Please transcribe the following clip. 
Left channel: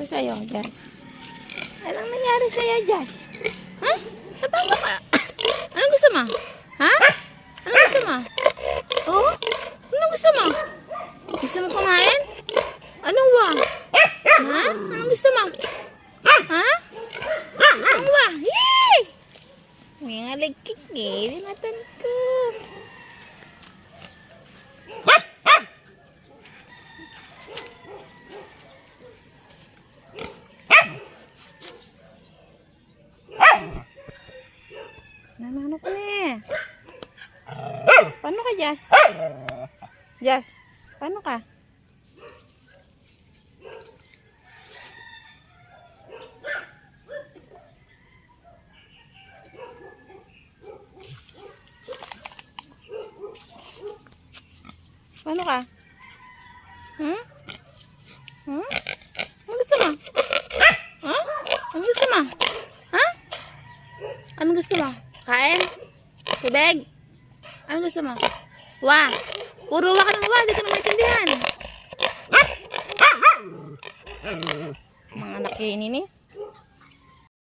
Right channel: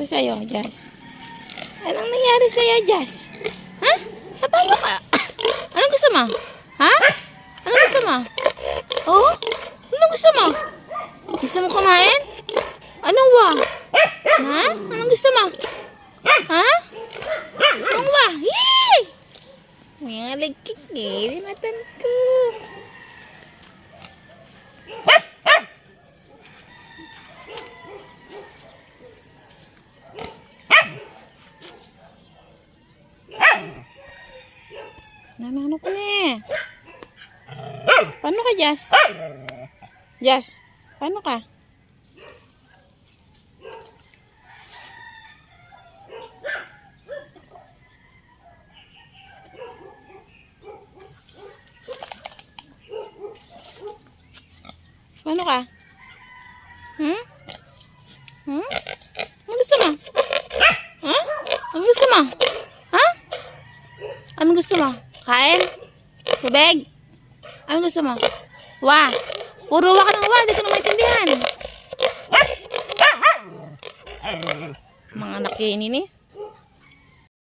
nangyari sa'yo, Jazz? Anong nangyari sa'yo, Jazz? Ha? Paano ka? Anong gusto mo? Ha? Anong gusto mo? Oh? Anong gusto mo? Gusto mo kumain? Anong wa? Ha? Anong gusto mo? Ha? Anong wa? Yee! Ngalagkik eh. Dinatan ko. Ano pa ni? Paano ka, Jazz? Jazz, paano ka? Paano ka? Hmm? Hmm? Ano gusto mo? Ha? Ano gusto mo? Ha? Ano gusto mo? Kain? Tubig? Ano gusto mo? Wa! Puro wa ka ng wa, hindi ka na maintindihan. Mga anak ini ni.